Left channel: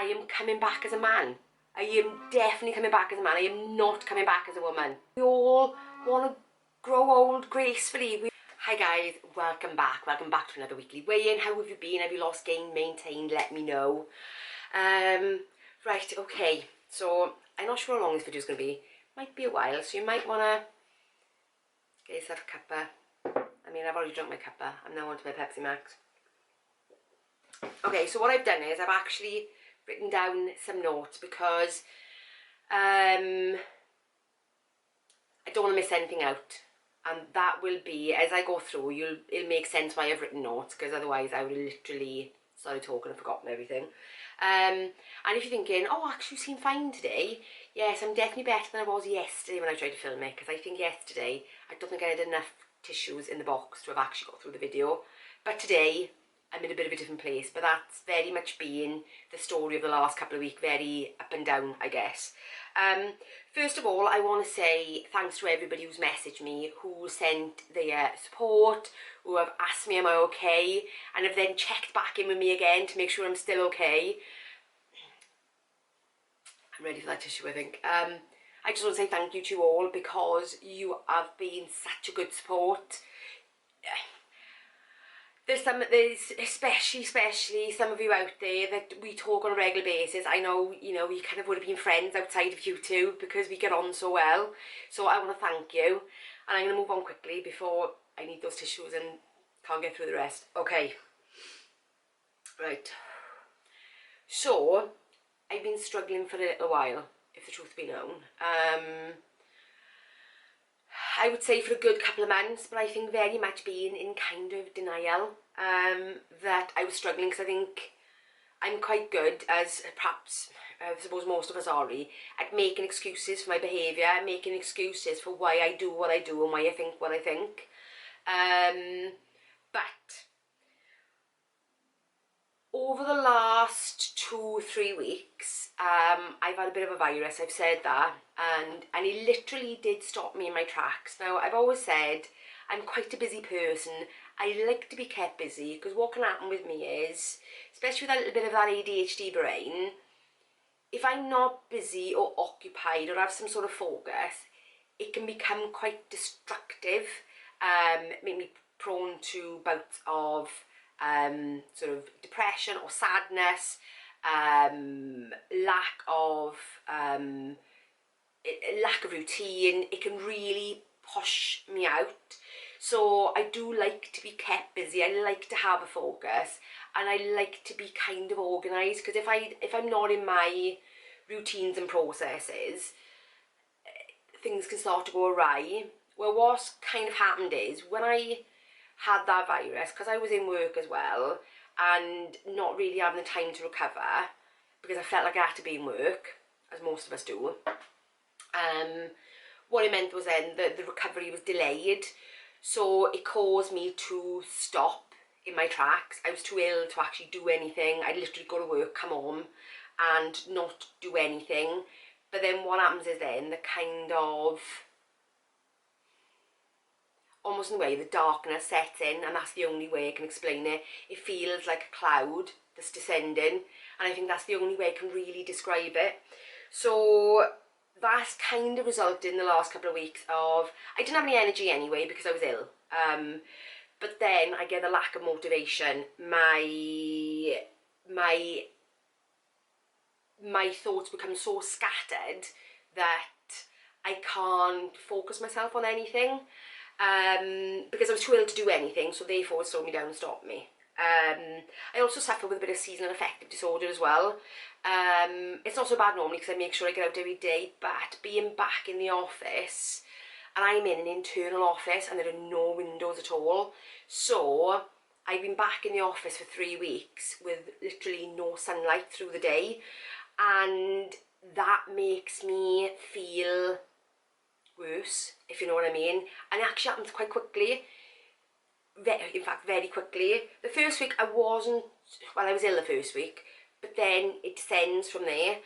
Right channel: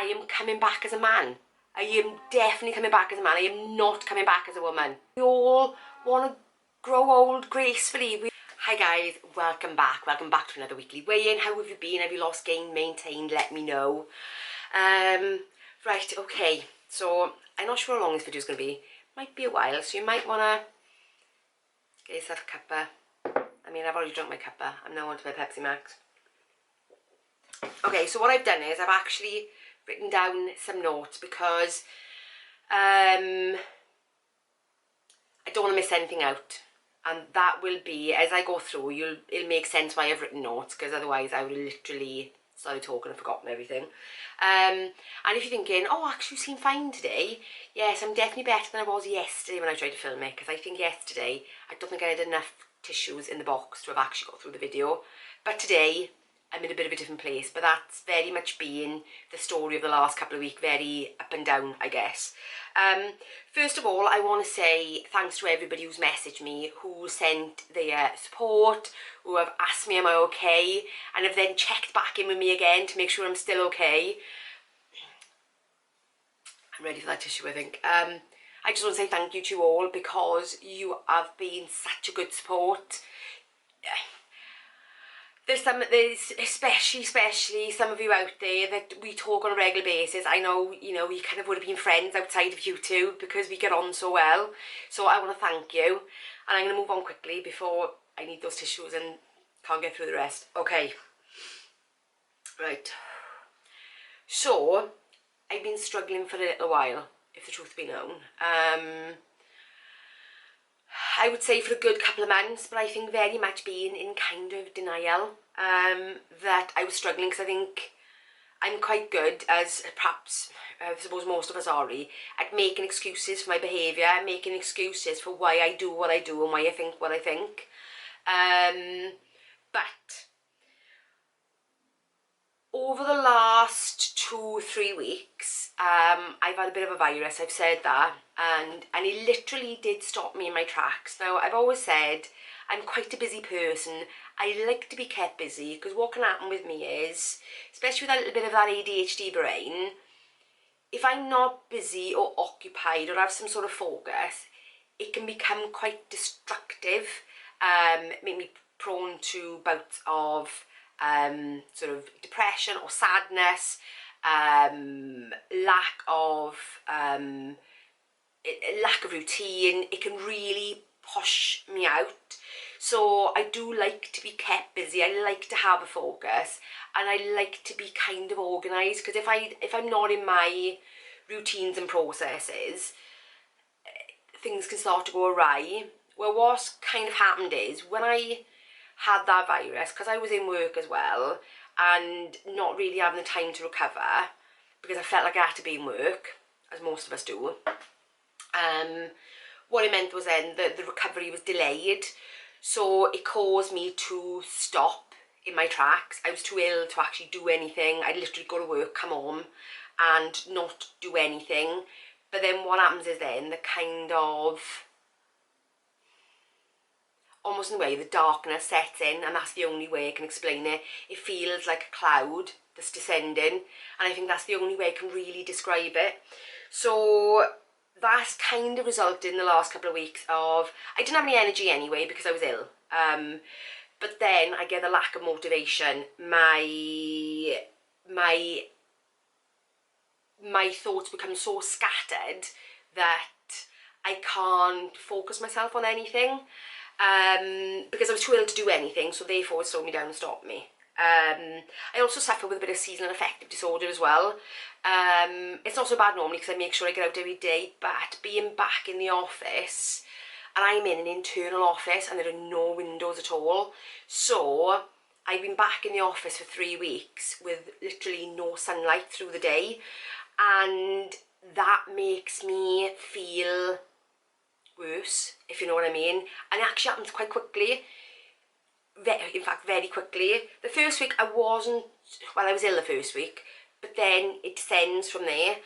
I am coming back as a man. I am definitely coming back as a man. I am not coming back as a woman. We all want to grow old gracefully. Hi guys, welcome back. Welcome back to another weekly weigh-in. How have you been? Have you lost, gained, maintained? Let me know. Right, okay. So, I'm not sure how long this video is going to be. Might be a while, so you might want to get yourself a cuppa. I mean, I've already drunk my cuppa. I'm now on to my Pepsi Max. Okay, so what I've done is I've actually written down some notes because I don't want to miss anything out, and that will be, as I go through, it'll make sense why I've written notes, because otherwise I would have literally started talking and forgotten everything. And if you're thinking, oh, actually you seem fine today, yes, I'm definitely better than I was yesterday when I tried to film it, because I think yesterday I don't think I had enough tissues in the box to have actually got through the video, but today I'm in a bit of a different place. But that's very much been the story of the last couple of weeks, very up and down, I guess. First of all, I want to say thanks to everybody who's messaged me, who sent their support, who have asked me am I okay, and have then checked back in with me again to make sure I'm still okay. I'm ready for that tissue, I think. I just want to say thank you to you all, because you have been such a good support. There's especially some of you out there that we talk on a regular basis. I know, you know, we kind of would have been friends outside of you two because we get on so well. So I want to thank you. And I'm going to move on quickly before I need those tissues and can't get through the rest. Okay. Right. So, I've been struggling for a little while, if the truth be known. I would say for a good couple of months, but I think very much being in kind of denial that I was struggling, because I think I'm quite good, as perhaps I suppose most of us are, at making excuses for my behaviour, making excuses for why I do what I do and why I think what I think. But over the last 2-3 weeks, I've had a bit of a virus, I've said that, and it literally did stop me in my tracks. Now, I've always said I'm quite a busy person. I like to be kept busy, because what can happen with me is, especially with a little bit of that ADHD brain, if I'm not busy or occupied or have some sort of focus, it can become quite destructive, make me prone to bouts of sort of depression or sadness, lack of routine. It can really push me out. So I do like to be kept busy. I like to have a focus, and I like to be kind of organised, because if I'm not in my routines and processes, things can start to go awry. Well, what's kind of happened is, when I had that virus, because I was in work as well and not really having the time to recover, because I felt like I had to be in work, as most of us do, what it meant was then that the recovery was delayed, so it caused me to stop in my tracks. I was too ill to actually do anything. I'd literally go to work, come home and not do anything. But then what happens is then the kind of, almost in a way, the darkness sets in, and that's the only way I can explain it. It feels like a cloud that's descending, and I think that's the only way I can really describe it. So that's kind of resulted in the last couple of weeks of, I didn't have any energy anyway because I was ill, but then I get a lack of motivation. My thoughts become so scattered that I can't focus myself on anything, because I was too ill to do anything, so therefore it slowed me down and stopped me. I also suffer with a bit of seasonal affective disorder as well. It's not so bad normally, because I make sure I get out every day, but being back in the office, and I'm in an internal office and there are no windows at all, so I've been back in the office for 3 weeks with literally no sunlight through the day, and that makes me feel worse, if you know what I mean. And it actually happens quite quickly. In fact, very quickly. The first week I wasn't, well, I was ill the first week, but then it descends from there.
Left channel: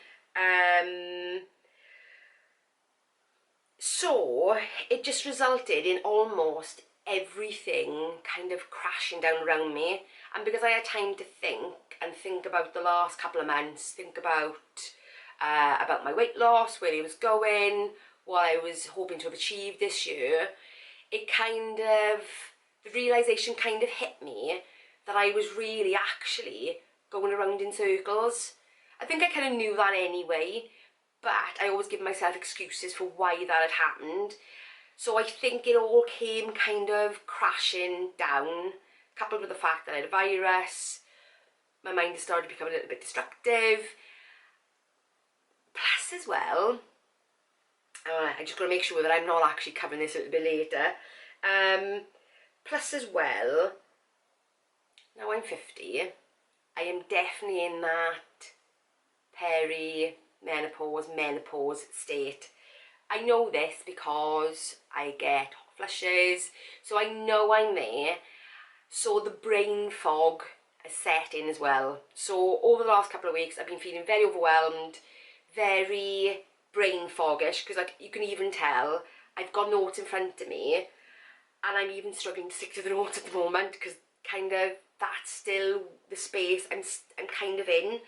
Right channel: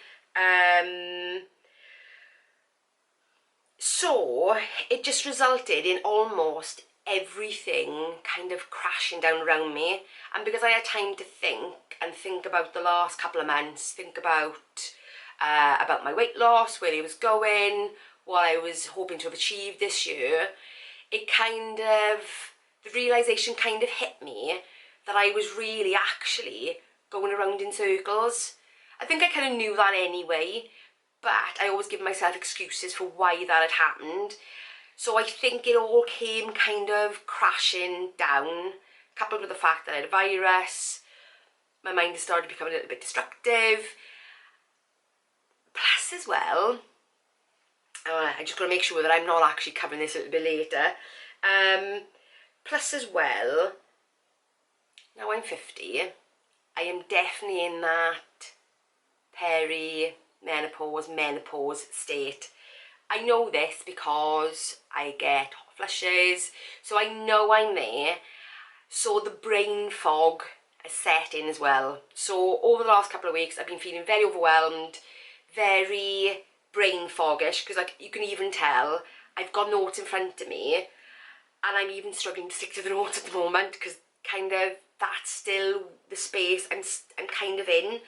So it just resulted in almost everything kind of crashing down around me. And because I had time to think about the last couple of months, think about my weight loss, where it was going, what I was hoping to have achieved this year, it kind of, the realisation kind of hit me that I was really actually going around in circles. I think I kind of knew that anyway, but I always give myself excuses for why that had happened. So I think it all came kind of crashing down, coupled with the fact that I had a virus. My mind has started becoming a little bit destructive. Plus as well, I just got to make sure that I'm not actually covering this a little bit later. Plus as well, now I'm 50, I am definitely in that menopause state. I know this because I get hot flushes, so I know I'm there. So the brain fog has set in as well. So over the last couple of weeks, I've been feeling very overwhelmed, very brain foggish, because like you can even tell I've got notes in front of me, and I'm even struggling to stick to the notes at the moment, because kind of that's still the space I'm kind of in.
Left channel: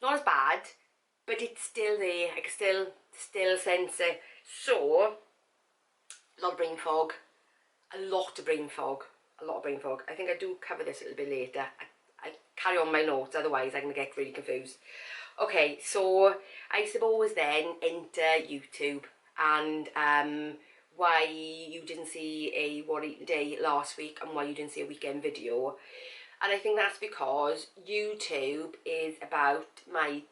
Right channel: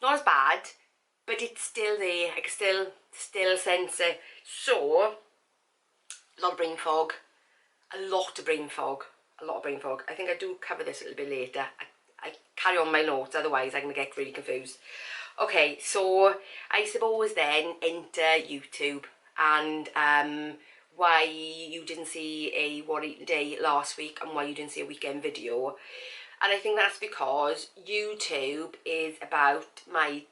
Not as bad, but it's still there. I can still sense it. So a lot of brain fog, a lot of brain fog. I think I do cover this a little bit later. I carry on my notes, otherwise I'm going to get really confused. Okay, so I suppose then enter YouTube, and why you didn't see a What I Eat in a Day last week and why you didn't see a weekend video. And I think that's because YouTube is about my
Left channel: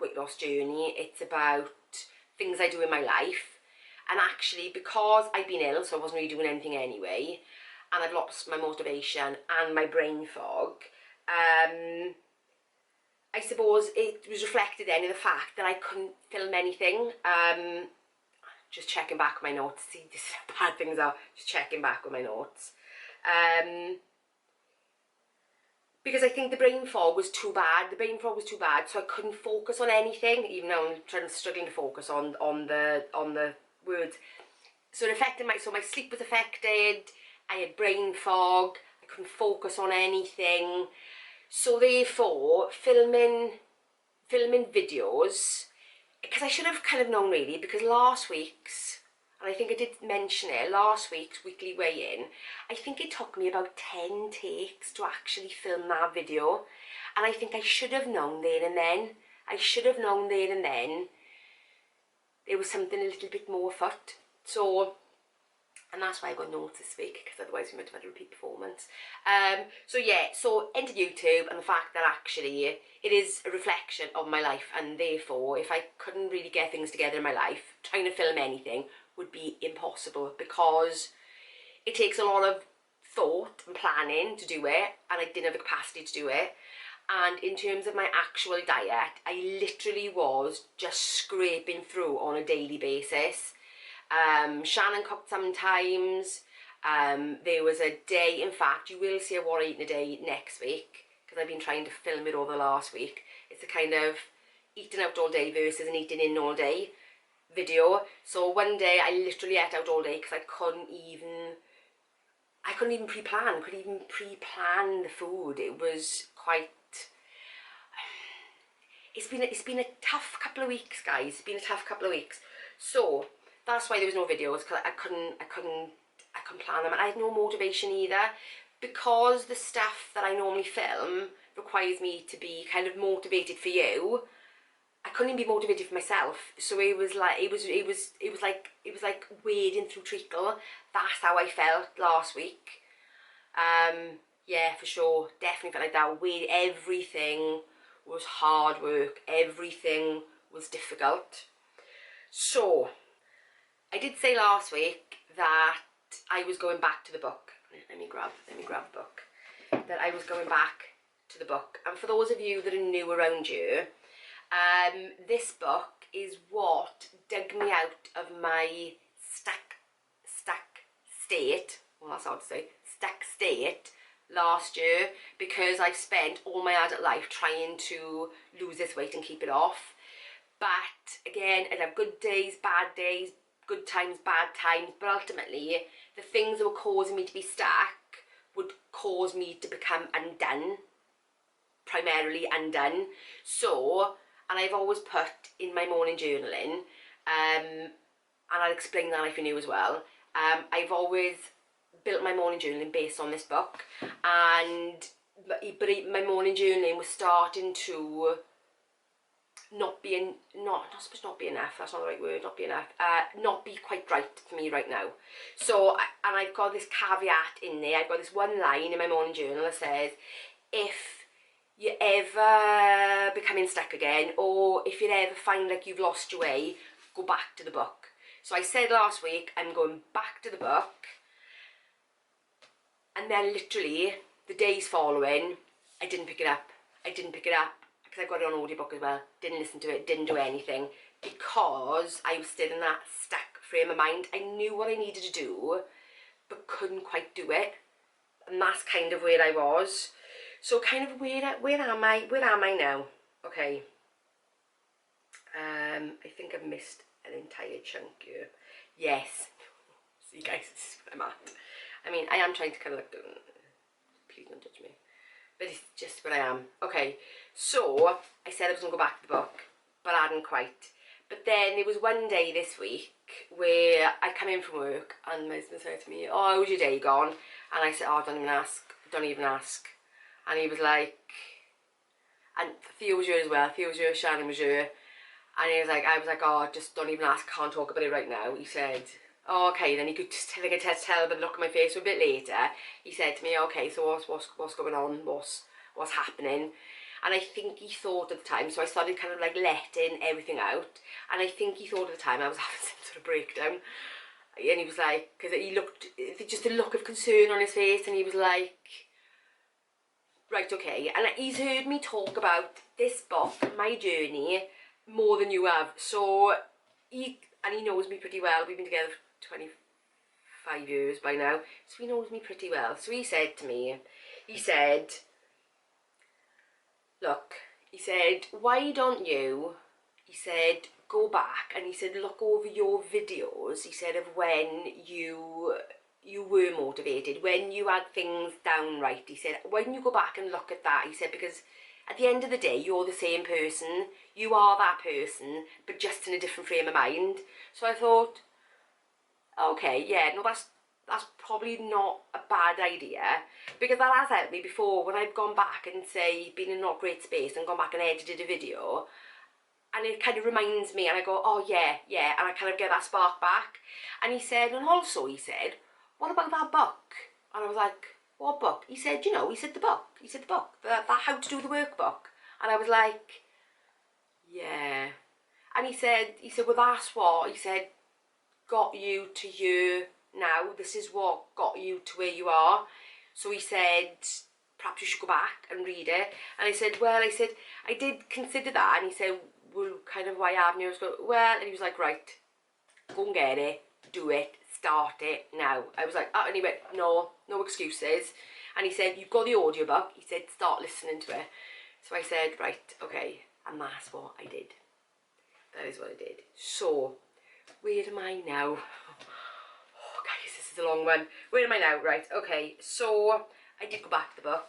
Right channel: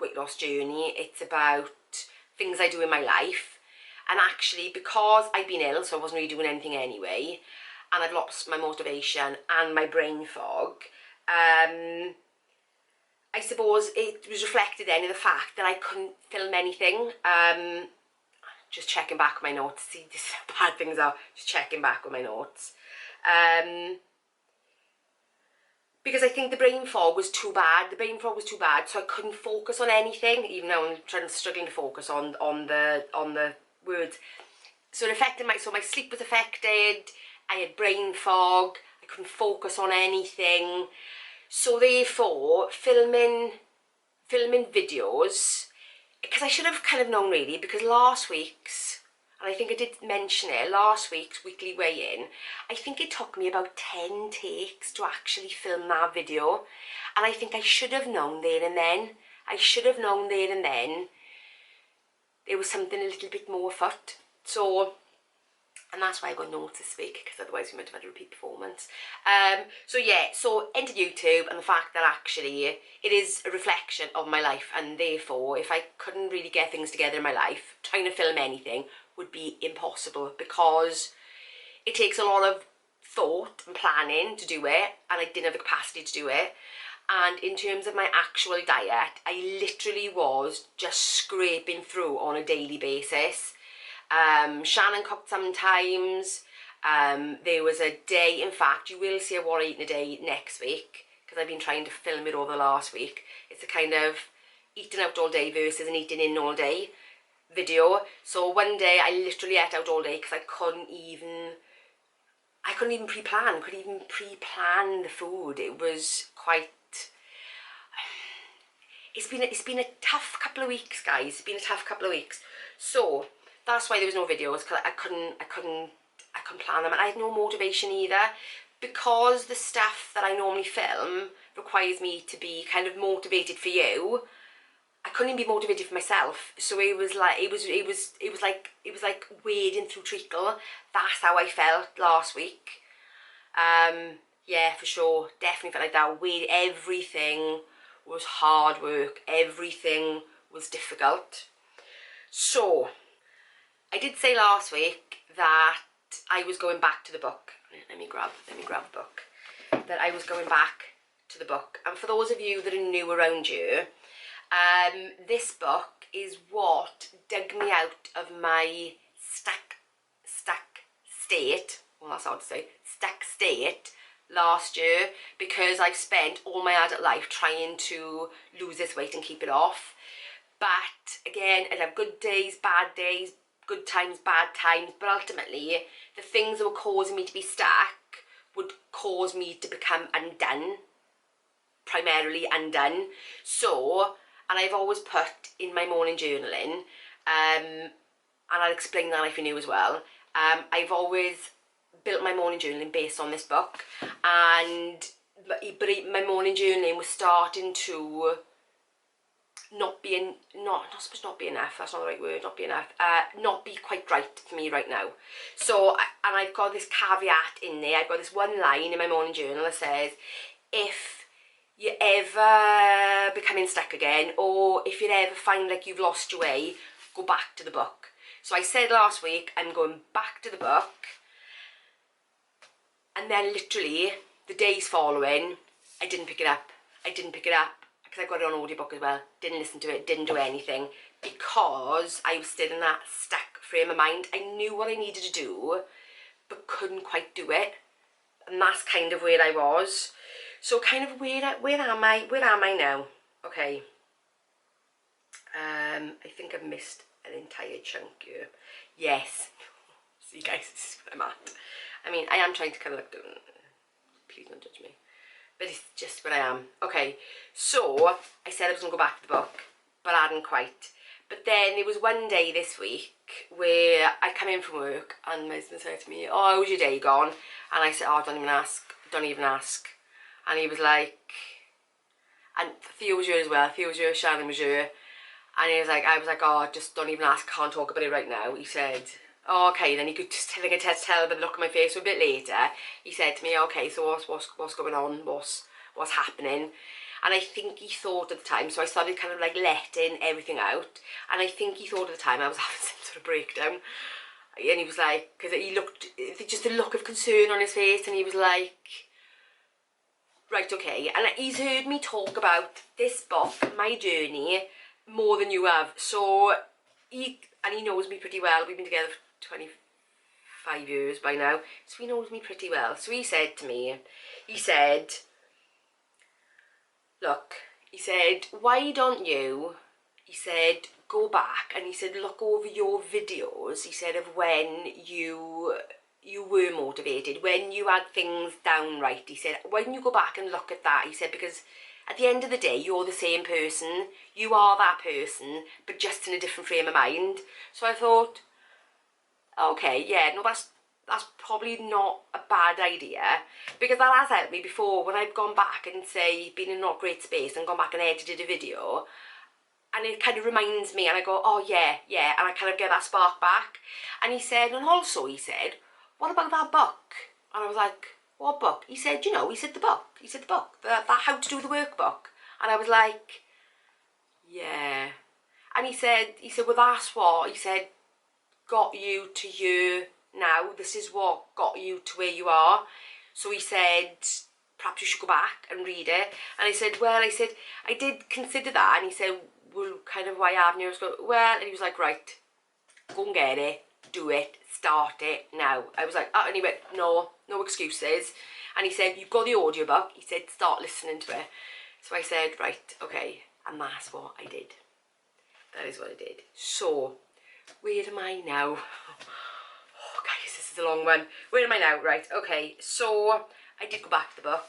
weight loss journey. It's about things I do in my life. And actually, because I've been ill, so I wasn't really doing anything anyway, and I've lost my motivation and my brain fog, I suppose it was reflected then in the fact that I couldn't film anything. Just checking back with my notes, see just how bad things are, just checking back with my notes. Because I think the brain fog was too bad. So I couldn't focus on anything, even though I'm struggling to focus on the words. So it affected my sleep was affected. I had brain fog. I couldn't focus on anything. So therefore, filming videos, because I should have kind of known really, because last week's, and I think I did mention it, last week's weekly weigh-in, I think it took me about 10 takes to actually film that video. And I think I should have known there and then. There was something a little bit more afoot. So, and that's why I got notes this week, because otherwise we might have had a repeat performance. So yeah, so enter YouTube, and the fact that actually it is a reflection of my life, and therefore if I couldn't really get things together in my life, trying to film anything would be impossible, because it takes a lot of thought and planning to do it, and I didn't have the capacity to do it. And in terms of my actual diet, I literally was just scraping through on a daily basis. Shannon cooked sometimes. There was a day, in fact, you will see a What I Eat in a Day next week, because I've been trying to film it over the last week. It's a kind of eating out all day versus an eating in all day video. So one day I literally ate out all day because I couldn't even pre-plan the food. It was quite, it's been a tough couple of weeks, guys. It's been a tough couple of weeks. So that's why there was no videos, because I couldn't plan them, and I had no motivation either, because the stuff that I normally film requires me to be kind of motivated for you. I couldn't even be motivated for myself. So it was like wading through treacle. That's how I felt last week. Yeah, for sure, definitely felt like that. Everything was hard work. Everything was difficult. So I did say last week that I was going back to the book. Let me grab the book. That I was going back to the book. And for those of you that are new around here, this book is what dug me out of my stuck state. Well, that's hard to say. Stuck state last year, because I've spent all my adult life trying to lose this weight and keep it off. But again, I'd have good days, bad days, good times, bad times, but ultimately the things that were causing me to be stuck would cause me to become undone, primarily undone. So, and I've always put in my morning journaling, and I'll explain that if you're new as well, I've always built my morning journaling based on this book, and my morning journaling was starting to not be enough, that's not the right word, not be quite right for me right now. So, and I've got this caveat in there, I've got this one line in my morning journal that says, if you're ever becoming stuck again, or if you ever find like you've lost your way, go back to the book. So I said last week, I'm going back to the book, and then literally the days following, I didn't pick it up because I got it on audiobook as well, didn't listen to it, didn't do anything, because I was still in that stuck frame of mind. I knew what I needed to do, but couldn't quite do it, and that's kind of where I was. So kind of where am I now? Okay, I think I've missed an entire chunk here. Yes, see guys, this is where I'm at. I mean, I am trying to kind of look, please don't judge me, but it's just where I am. Okay, so I said I was going to go back to the book, but I hadn't quite. But then there was one day this week where I come in from work and my husband said to me, oh, how was your day gone? And I said, oh, don't even ask. And he was like, and Theo was here as well, Theo was here, Shannon was here. And he was like, I was like, oh, just don't even ask, can't talk about it right now. He said, oh, okay. Then he could just tell by the look on my face. So a bit later, he said to me, okay, so what's going on? What's happening? And I think he thought at the time, so I started kind of like letting everything out. And I think he thought at the time I was having some sort of breakdown. And he was like, because he looked, just a look of concern on his face, and he was like, right, okay. And he's heard me talk about this book, my journey, more than you have. So he knows me pretty well. We've been together for 25 years by now, so he knows me pretty well. So he said to me, he said, look, he said, why don't you, he said, go back, and he said, look over your videos, he said, of when you were motivated, when you had things down right. He said, when you go back and look at that, he said, because at the end of the day, you're the same person, you are that person, but just in a different frame of mind. So I thought, okay, yeah, no, that's probably not a bad idea, because that has helped me before when I've gone back and say, been in not great space and gone back and edited a video, and it kind of reminds me, and I go, oh yeah, and I kind of get that spark back. And he said, and also he said, what about that book? And I was like, what book? He said, you know, he said the book, that how to do the workbook. And I was like, yeah. And he said, well, that's what, he said, got you to you now. This is what got you to where you are. So he said, perhaps you should go back and read it. And I said, well, I did consider that. And he said, well, kind of why haven't you? I was going, well, and he was like, right, go and get it, do it, start it now. I was like, oh, and he went, no excuses. And he said, you've got the audiobook. He said, start listening to it. So I said, right, okay. And that's what I did. That is what I did. So, where am I now? Oh, guys, this is a long one. Where am I now? Right, okay. So, I did go back to the book.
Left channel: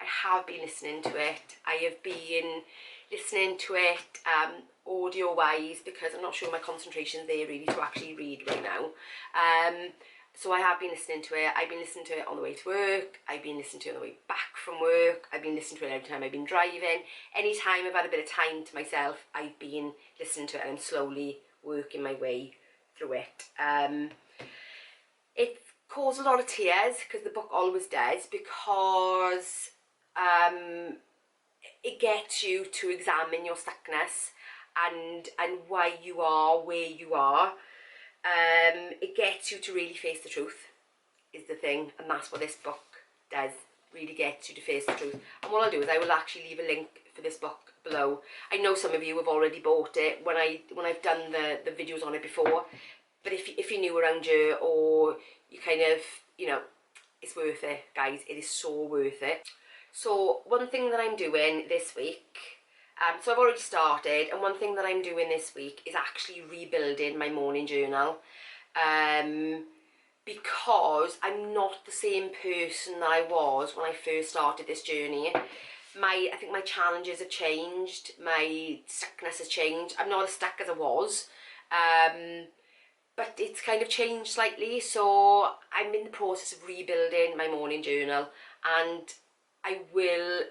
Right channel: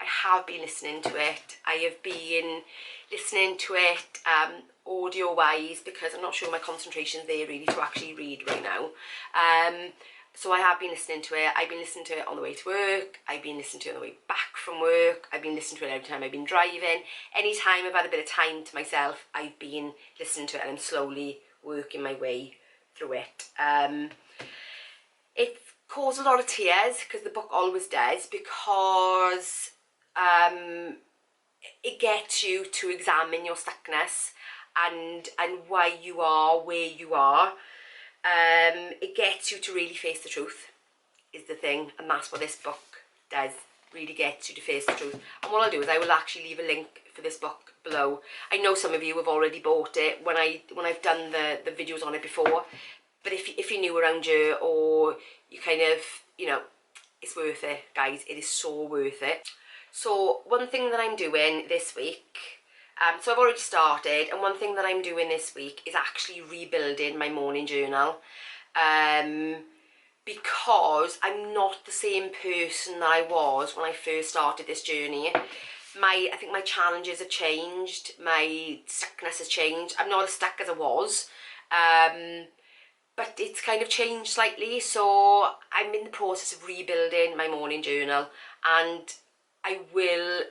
I have been listening to it. I have been listening to it audio-wise, because I'm not sure my concentration's there really to actually read right now. So I have been listening to it. I've been listening to it on the way to work. I've been listening to it on the way back from work. I've been listening to it every time I've been driving. Anytime I've had a bit of time to myself, I've been listening to it, and I'm slowly working my way through it. It caused a lot of tears, because the book always does, because it gets you to examine your stuckness and why you are where you are. It gets you to really face the truth, is the thing, and that's what this book does, really gets you to face the truth. And what I'll do is I will actually leave a link for this book below. I know some of you have already bought it when I've done the videos on it before, but if you're new around here, or you kind of, you know, it's worth it, guys. It is so worth it. So one thing that I'm doing this week, So I've already started, and one thing that I'm doing this week is actually rebuilding my morning journal. Because I'm not the same person that I was when I first started this journey. I think my challenges have changed, my stuckness has changed. I'm not as stuck as I was, but it's kind of changed slightly. So I'm in the process of rebuilding my morning journal, and I will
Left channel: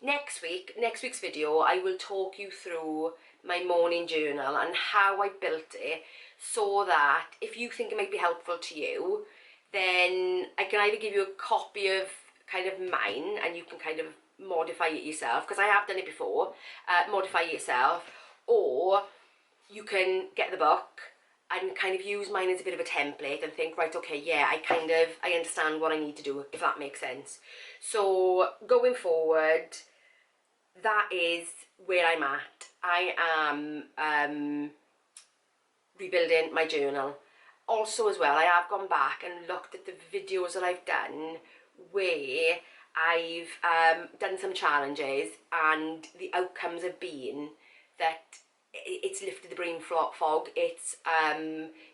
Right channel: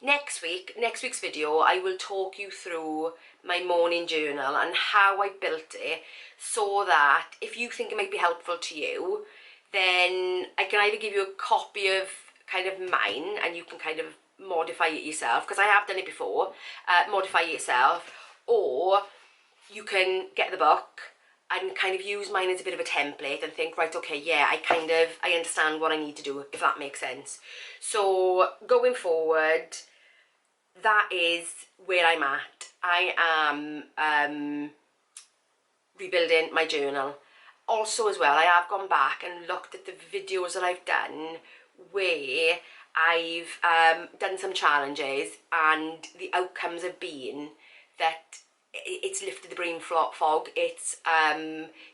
next week's video, I will talk you through my morning journal and how I built it, so that if you think it might be helpful to you, then I can either give you a copy of kind of mine and you can kind of modify it yourself, because I have done it before, modify it yourself, or you can get the book and kind of use mine as a bit of a template and think, right, okay, yeah, I understand what I need to do, if that makes sense. So going forward, that is where I'm at. I am rebuilding my journal. Also as well, I have gone back and looked at the videos that I've done where I've done some challenges, and the outcomes have been that it's lifted the brain fog, it's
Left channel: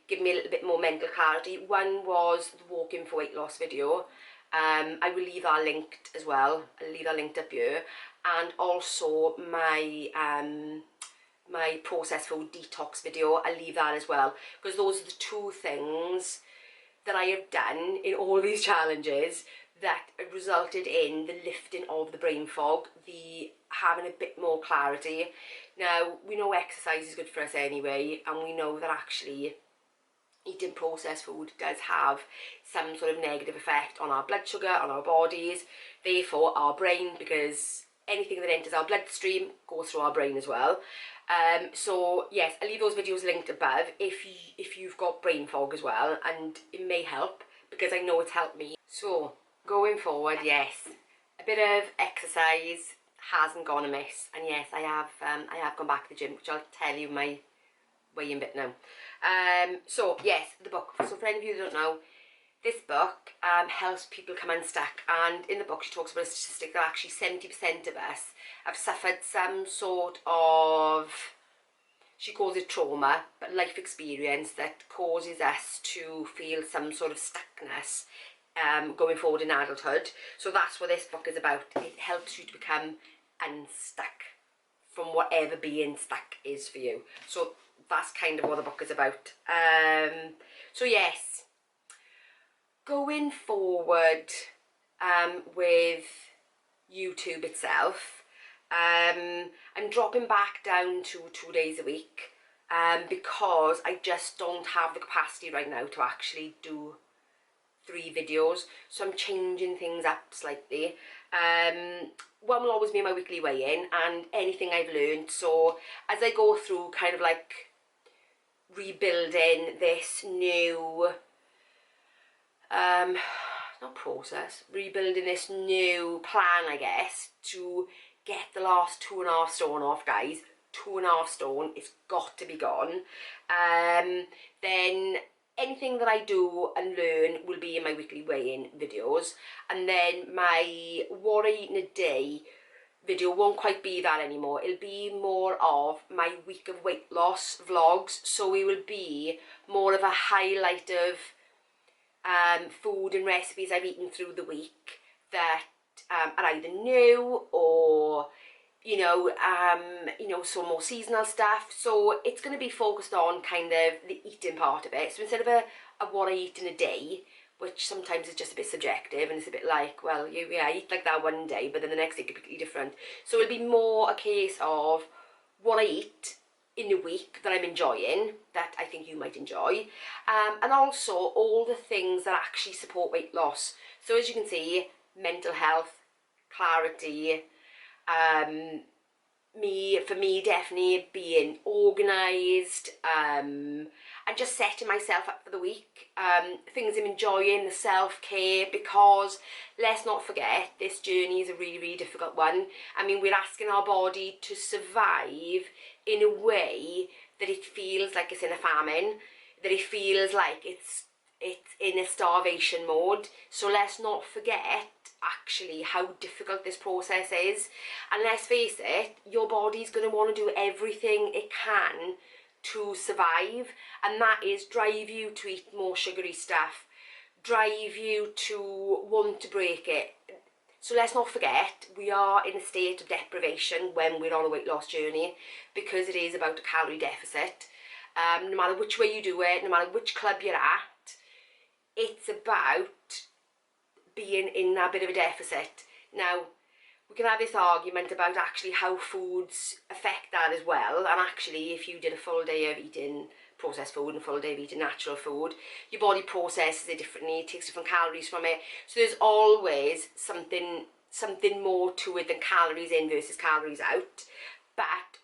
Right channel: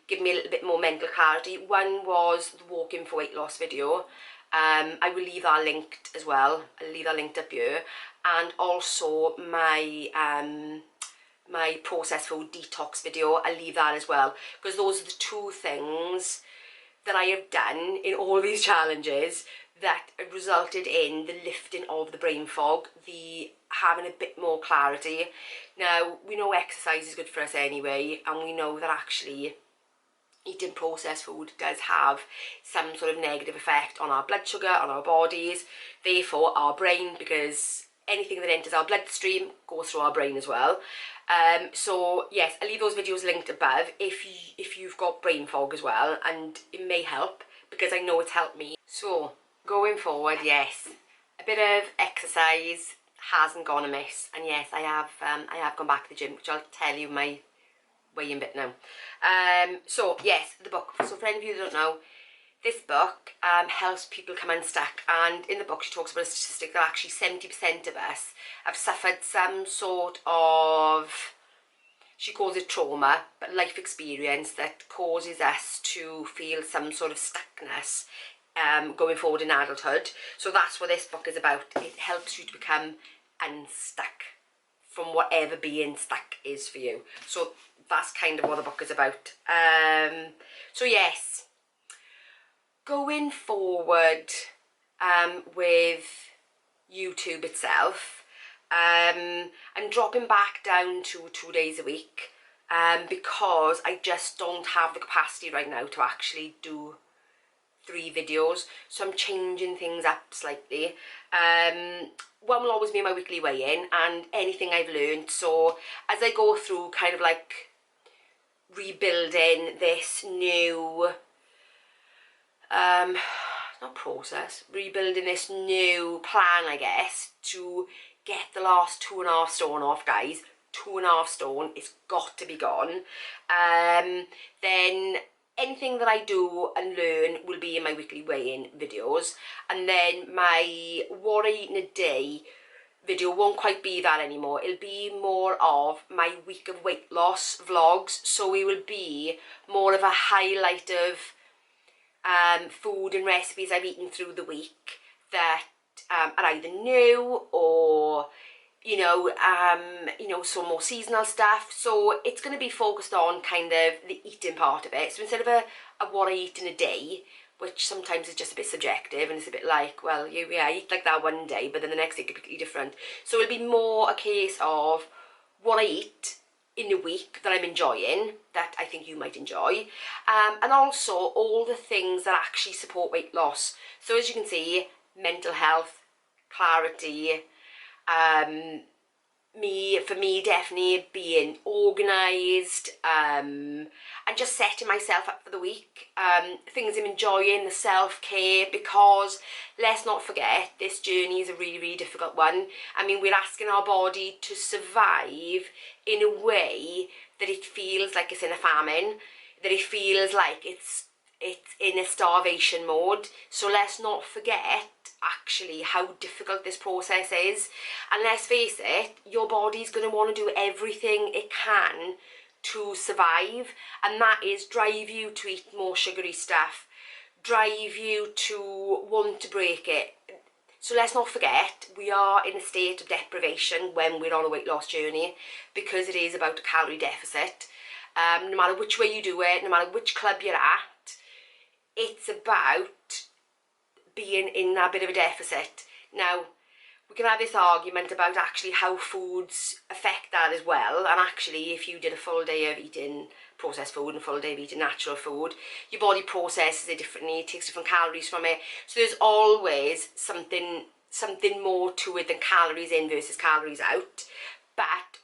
given me a little bit more mental clarity. One was the walking for weight loss video. I will leave that linked as well. I'll leave that linked up here. And also my my processed food detox video, I'll leave that as well, because those are the two things that I have done in all these challenges that resulted in the lifting of the brain fog, the having a bit more clarity. Now, we know exercise is good for us anyway, and we know that actually eating processed food does have some sort of negative effect on our blood sugar, on our bodies, therefore our brain, because anything that enters our bloodstream goes through our brain as well. So yes, I'll leave those videos linked above if you've got brain fog as well, and it may help, because I know it's helped me. So going forward, yes, a bit of exercise hasn't gone amiss, and yes, I have gone back to the gym, which I'll tell you my way in bit now. So yes, the book. So for any of you who don't know, this book helps people come unstuck, and in the book she talks about a statistic that actually 70% of us have suffered some sort of, she calls it trauma, but life experience that causes us to feel some sort of stuckness going forward in adulthood. So that's what this book is about. It helps you to become unstuck from whatever being stuck is for you. So that's kind of what the book is about. So yes, going forward with YouTube itself, I'm dropping back down to 2 days a week because I just don't have the capacity right now to actually do 3 videos, so I'm changing things up slightly. One will always be my weekly weigh-in and anything I've learned. So as I go through kind of like rebuilding this new not process, rebuilding this new plan, I guess, to get the last 2.5 stone off, guys. 2.5 stone, it's got to be gone. Then anything that I do and learn will be in my weekly weigh-in videos, and then my what I eat in a day video won't quite be that anymore. It'll be more of my week of weight loss vlogs, so it will be more of a highlight of food and recipes I've eaten through the week that are either new or some more seasonal stuff. So it's going to be focused on kind of the eating part of it. So instead of a what I eat in a day, which sometimes is just a bit subjective and it's a bit like, well, yeah, I eat like that one day, but then the next day could be completely different. So it'll be more a case of what I eat in a week that I'm enjoying, that I think you might enjoy, and also all the things that actually support weight loss. So as you can see, mental health, clarity, for me definitely being organised, and just setting myself up for the week, things I'm enjoying, the self-care, because let's not forget, this journey is a really, really difficult one. I mean, we're asking our body to survive in a way that it feels like it's in a famine, that it feels like it's in a starvation mode. So let's not forget actually how difficult this process is. And let's face it, your body's going to want to do everything it can to survive, and that is drive you to eat more sugary stuff, drive you to want to break it. So let's not forget, we are in a state of deprivation when we're on a weight loss journey, because it is about a calorie deficit. No matter which way you do it, no matter which club you're at, it's about being in that bit of a deficit. Now, we can have this argument about actually how foods affect that as well. And actually, if you did a full day of eating processed food and a full day of eating natural food, your body processes it differently, it takes different calories from it. So there's always something more to it than calories in versus calories out. But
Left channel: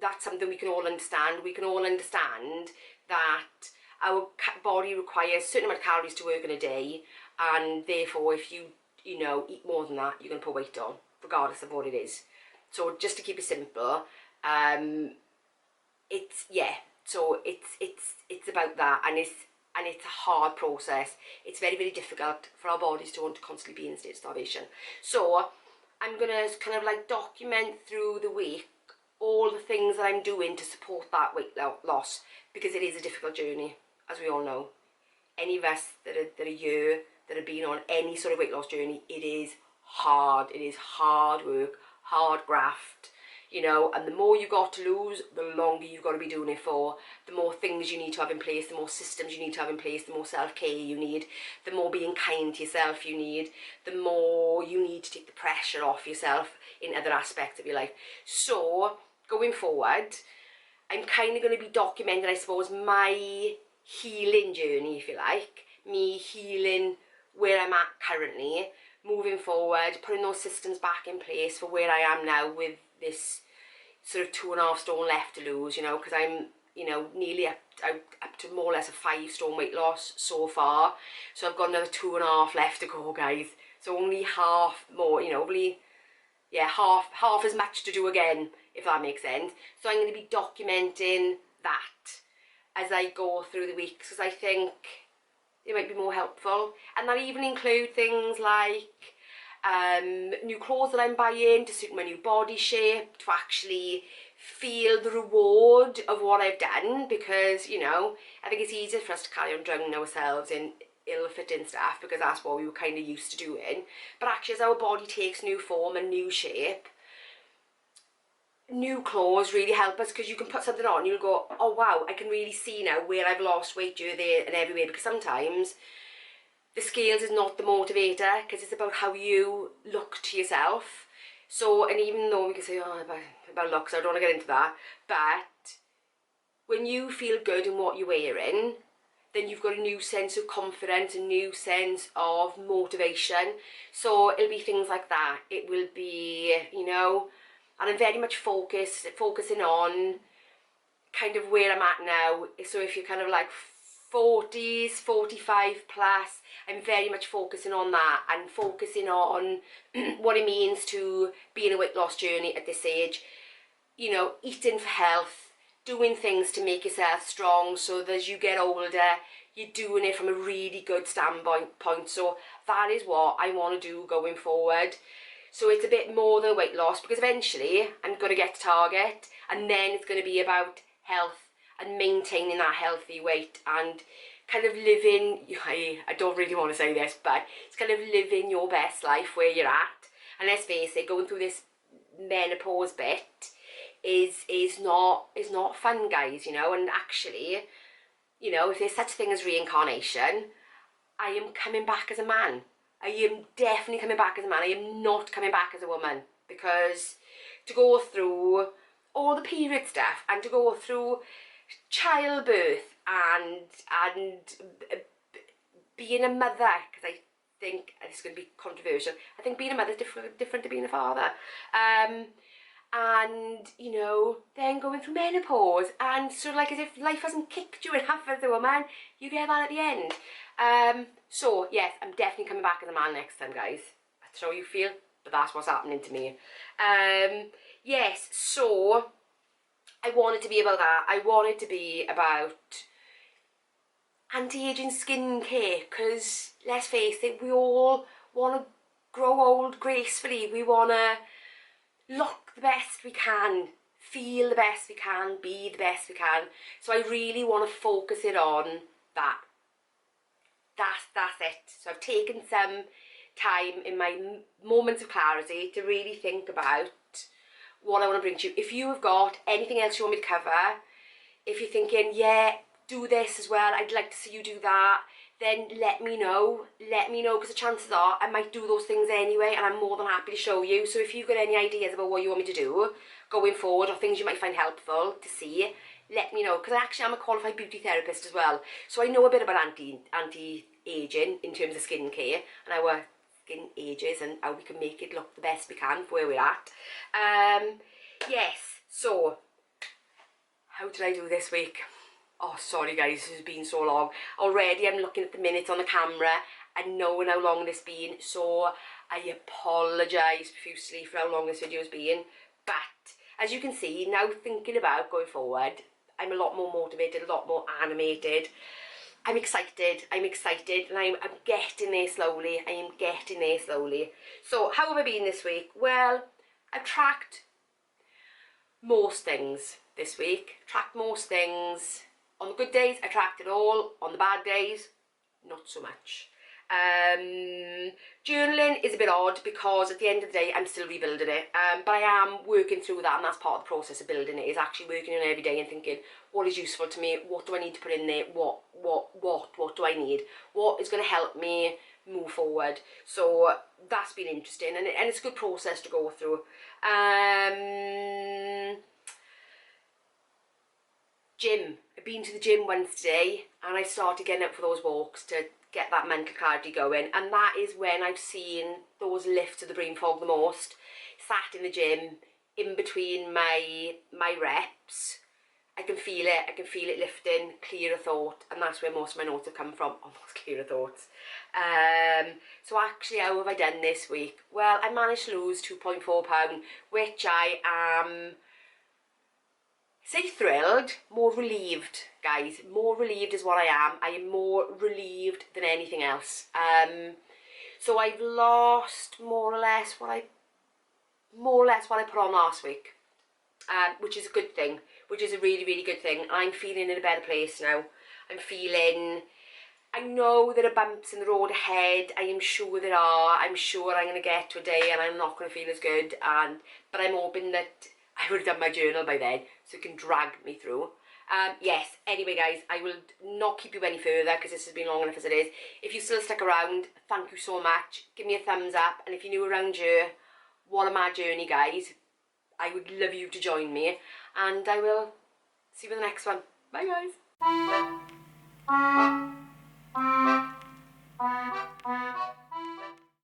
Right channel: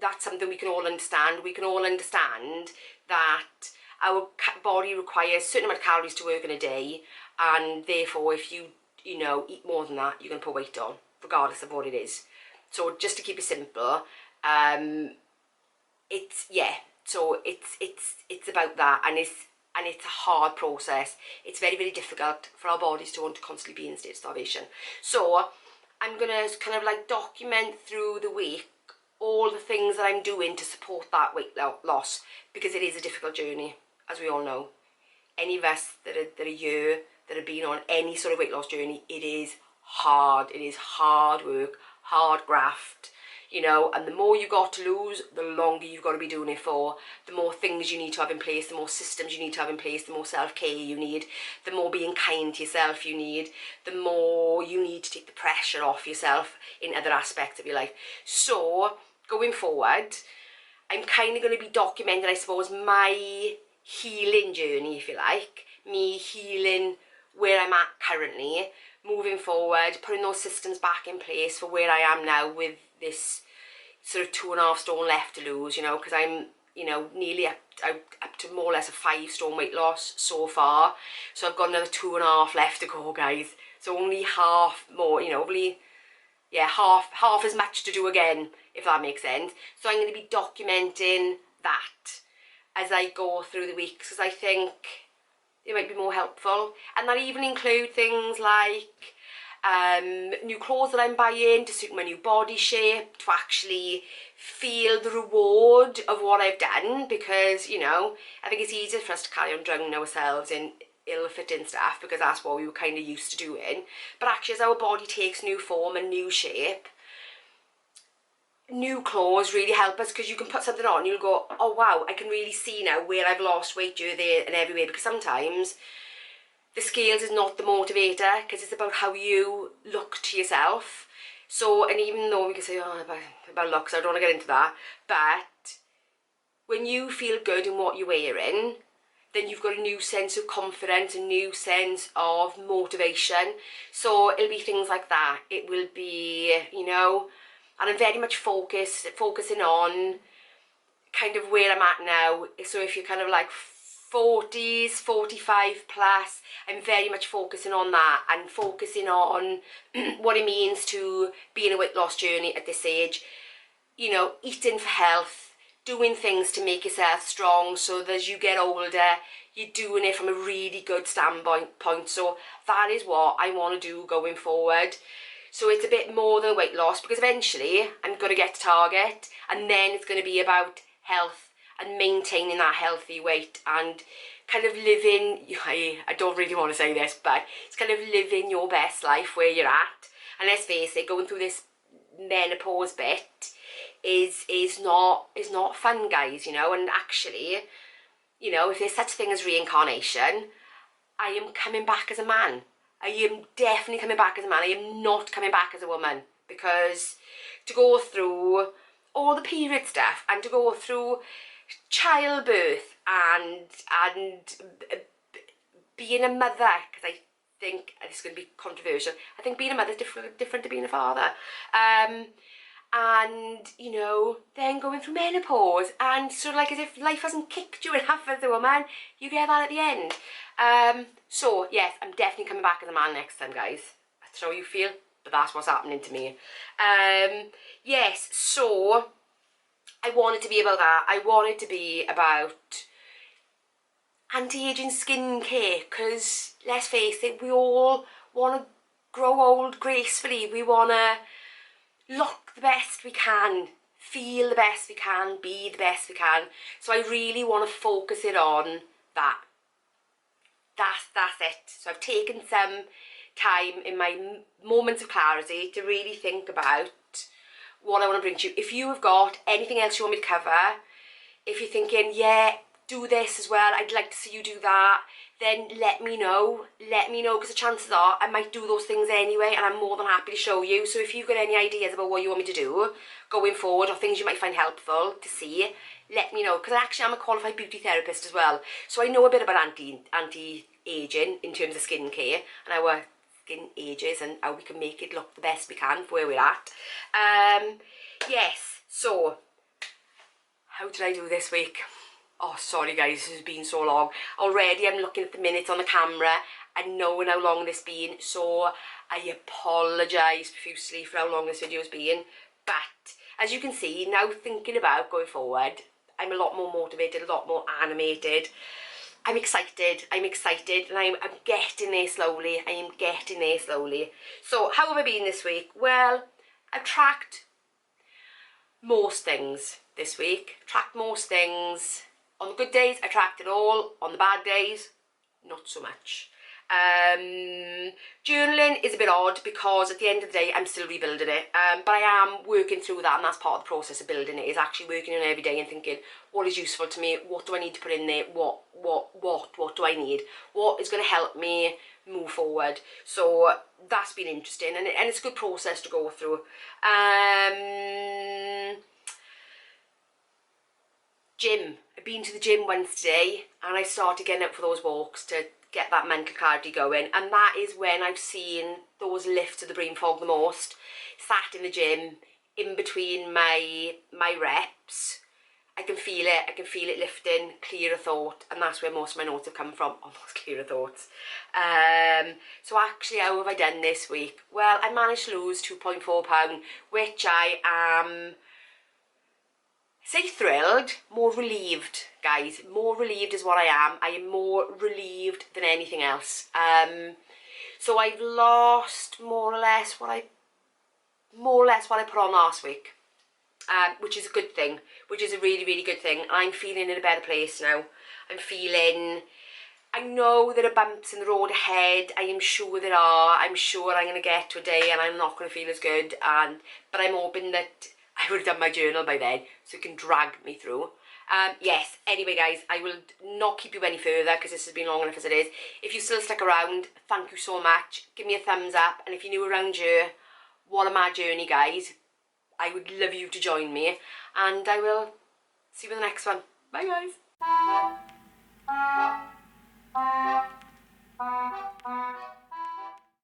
that's something we can all understand. We can all understand that our body requires a certain amount of calories to work in a day, and therefore if you eat more than that, you're going to put weight on, regardless of what it is. So just to keep it simple, it's about that, and it's a hard process. It's very, very difficult for our bodies to want to constantly be in a state of starvation. So I'm gonna kind of like document through the week all the things that I'm doing to support that weight loss, because it is a difficult journey, as we all know. Any of us that have been on any sort of weight loss journey, it is hard. It is hard work, hard graft, and the more you got to lose, the longer you've got to be doing it for, the more things you need to have in place, the more systems you need to have in place, the more self-care you need, the more being kind to yourself you need, the more you need to take the pressure off yourself in other aspects of your life. So going forward, I'm kind of going to be documenting, I suppose, my healing journey, if you like, me healing where I'm at currently, moving forward, putting those systems back in place for where I am now with this sort of 2.5 stone left to lose, because I'm, nearly up to more or less a 5 stone weight loss so far. So I've got another 2.5 left to go, guys. So only half more, half as much to do again, if that makes sense. So I'm going to be documenting that as I go through the weeks, because I think it might be more helpful. And that even include things like new clothes that I'm buying to suit my new body shape, to actually feel the reward of what I've done, because I think it's easier for us to carry on drowning ourselves in ill-fitting stuff, because that's what we were kind of used to doing. But actually, as our body takes new form and new shape, new clothes really help us, because you can put something on and you'll go, oh wow, I can really see now where I've lost weight here, there and everywhere. Because sometimes the scales is not the motivator, because it's about how you look to yourself. So, and even though we can say, oh, about looks, I don't want to get into that, but when you feel good in what you're wearing, then you've got a new sense of confidence, a new sense of motivation. So it'll be things like that. It will be, and I'm very much focusing on kind of where I'm at now. So if you're kind of like 40s, 45 plus, I'm very much focusing on that, and focusing on what it means to be in a weight loss journey at this age. Eating for health, doing things to make yourself strong, so that as you get older, you're doing it from a really good standpoint. So that is what I want to do going forward. So it's a bit more than weight loss, because eventually I'm going to get to target, and then it's going to be about health and maintaining that healthy weight, and kind of living, I don't really want to say this, but it's kind of living your best life where you're at. And let's face it, going through this menopause bit is not fun, guys, and actually, if there's such a thing as reincarnation, I am coming back as a man. I am definitely coming back as a man. I am not coming back as a woman, because to go through all the period stuff, and to go through childbirth and being a mother, because I think, and it's going to be controversial, I think being a mother is different to being a father, and then going through menopause, and sort of like as if life hasn't kicked you enough as a woman, you get that at the end. So yes, I'm definitely coming back as a man next time, guys. That's how you feel, but that's what's happening to me. Yes, so I want it to be about that. I want it to be about anti-aging skincare, because let's face it, we all want to grow old gracefully. We want to look the best we can, feel the best we can, be the best we can. So I really want to focus it on that. That's it. So I've taken some time in my moments of clarity to really think about what I want to bring to you. If you have got anything else you want me to cover, if you're thinking, yeah, do this as well, I'd like to see you do that, then let me know, because the chances are I might do those things anyway, and I'm more than happy to show you. So if you've got any ideas about what you want me to do going forward, or things you might find helpful to see, let me know, because actually I'm a qualified beauty therapist as well, so I know a bit about anti-aging in terms of skincare and our skin ages and how we can make it look the best we can for where we're at. Yes, so how did I do this week? Oh, sorry guys, this has been so long. Already I'm looking at the minutes on the camera and knowing how long this has been, so I apologise profusely for how long this video has been. But as you can see, now thinking about going forward, I'm a lot more motivated, a lot more animated. I'm excited, and I'm getting there slowly. I am getting there slowly. So how have I been this week? Well, I've tracked most things this week. On the good days, I tracked it all. On the bad days, not so much. Journaling is a bit odd because at the end of the day, I'm still rebuilding it. But I am working through that, and that's part of the process of building it, is actually working on it every day and thinking, what is useful to me? What do I need to put in there? What do I need? What is going to help me move forward? So that's been interesting, and it's a good process to go through. Gym. I've been to the gym once today, and I started getting out for those walks to get that mental clarity going, and that is when I've seen those lifts of the brain fog the most. Sat in the gym, in between my reps, I can feel it lifting, clearer thought, and that's where most of my notes have come from, almost clearer thoughts. So actually, how have I done this week? Well, I managed to lose 2.4 pounds, which I am, say thrilled, more relieved, guys. More relieved is what I am. I am more relieved than anything else. So I've lost more or less what I put on last week, which is a good thing, which is a really, really good thing. I'm feeling in a better place now. I know there are bumps in the road ahead. I am sure there are. I'm sure I'm going to get to a day and I'm not going to feel as good. But I'm hoping that I would have done my journal by then, so it can drag me through. Yes, anyway guys, I will not keep you any further because this has been long enough as it is. If you still stuck around, thank you so much. Give me a thumbs up, and if you're new around here, what a mad journey, guys. I would love you to join me, and I will see you in the next one. Bye guys.